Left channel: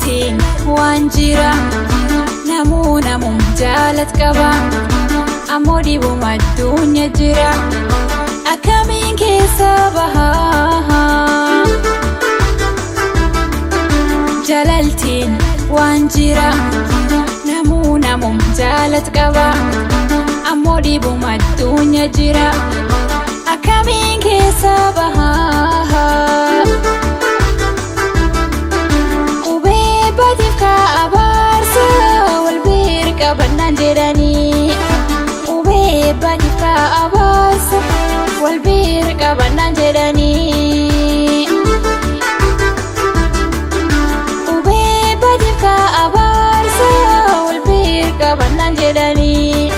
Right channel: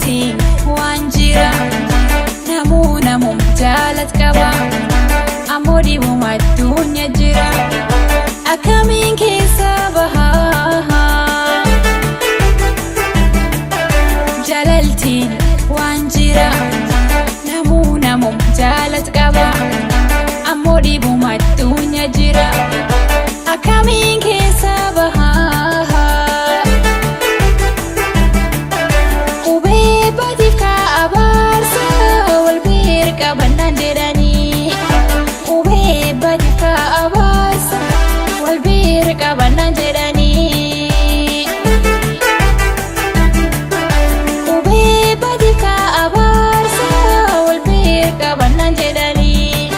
jalaltiin waan jira namum jaalat qaba ammoo dhibuma addunyaa jira akkamiin keessa bahaa jalaltiin waan jira namum jaalat qaba ammoo dhibuma addunyaa jira akkamiin keessa bahaa qubee baatiif ka'abaarsa wal bira qabannaan jedhanii qubee baatiif ka'abaarsa wal bira qabannaan jedhanii qubee baatiif ka'abaarsa wal bira qabannaan jedhanii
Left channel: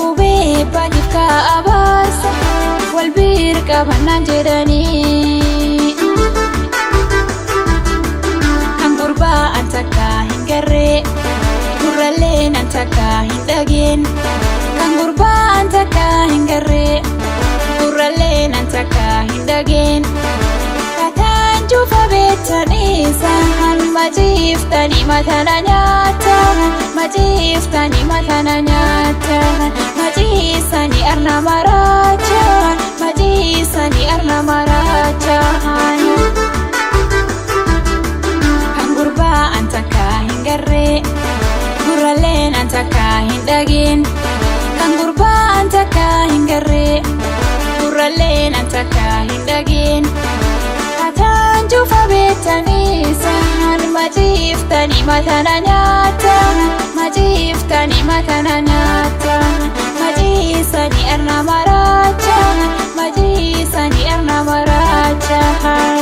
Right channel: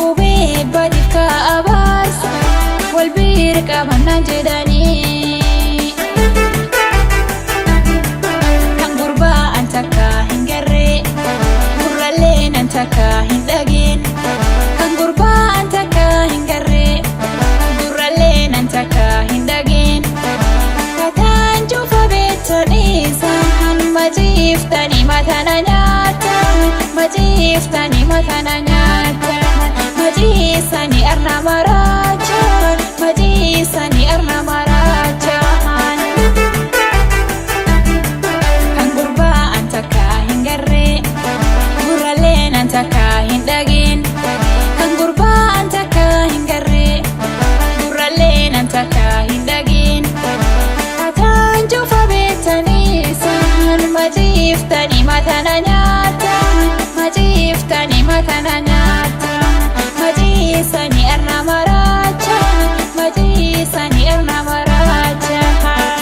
qubee baatiif ka'abaarsa wal bira qabannaan jedhanii kan gurbaa an takka hin garree gurralleen an takka hin dhageen kan gurbaa an takka hin garree gurralleen an takka hin dhageen kataan cufa beektanii isaan maciiftanii matana nyaatan maciiftanii matana nyaatan maciisanii arna maraachaan maciisanii arna maraachaan kan gurbaa an takka hin garree gurralleen an takka hin dhageen kan gurbaa an takka hin garree gurralleen an takka hin dhageen kataan cufa beektanii isaan maciiftanii matana nyaatan maciiftanii matana nyaatan maciisanii arna maraachaan maciisanii arna maraachaan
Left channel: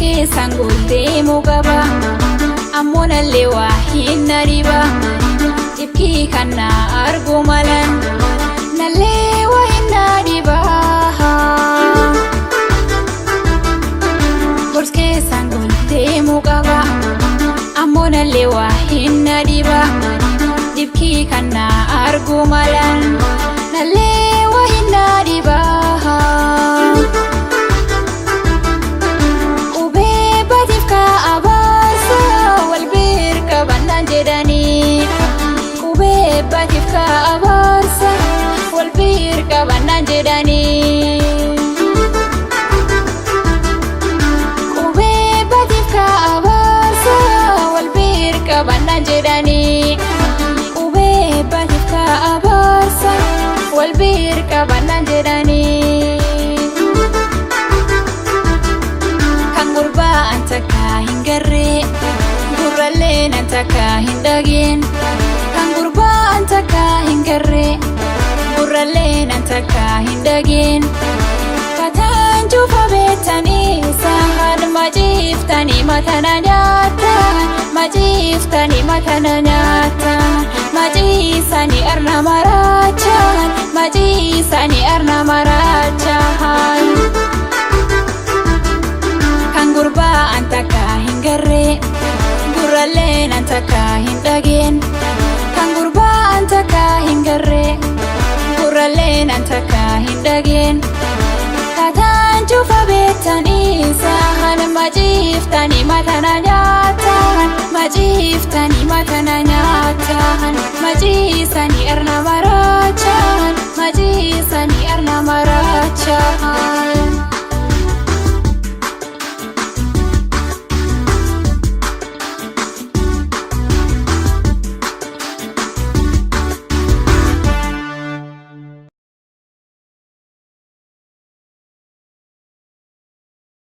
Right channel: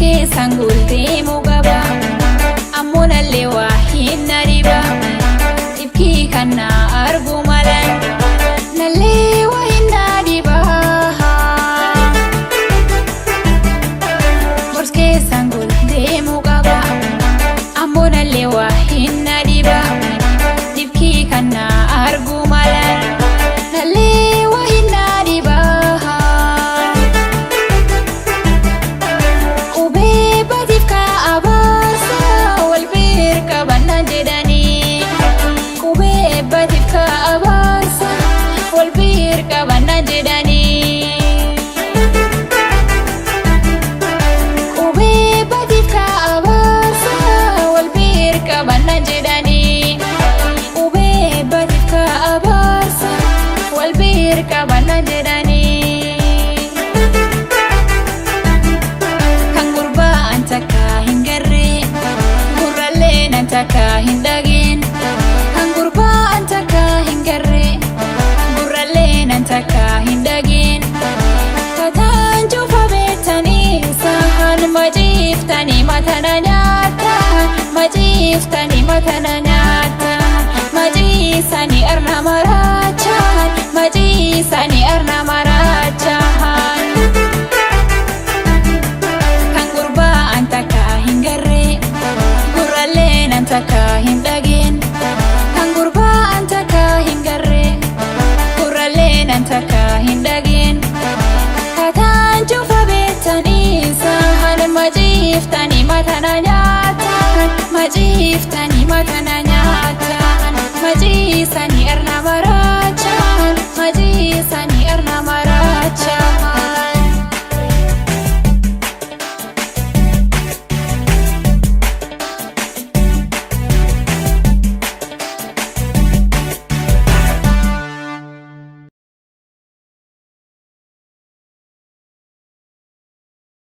keessan deemuu qaba ammoo nallee waa hin dhiba dhibkii kan na argu malan nallee waa hin dhiba gorsa keessan deemuu qaba ammoo nallee waa hin dhiba dhibkii kan na argu malan nallee waa hin dhiba jedhanii qubee baatiif ka'abaarsa wal bira qabannaan jedhanii qubee baatiif ka'abaarsa wal bira qabannaan jedhanii qubee baatiif ka'abaarsa wal bira qabannaan jedhanii kan gurbaa an takka hin garree gurralleen an takka hin dhageen kan gurbaa an takka hin garree gurralleen an takka hin dhageen kataan cufa beektanii isaan maciiftanii matana nyaatan maciiftanii matana nyaatan maciisanii arna maraachaan maciisanii arna maraachaan kan gurbaa an takka hin garree gurralleen an takka hin dhageen kan gurbaa an takka hin garree gurralleen an takka hin dhageen kataan cufa beektanii isaan maciiftanii matana nyaatan maciiftanii matana nyaatan maciisanii arna maraachaan maciisanii arna maraachaan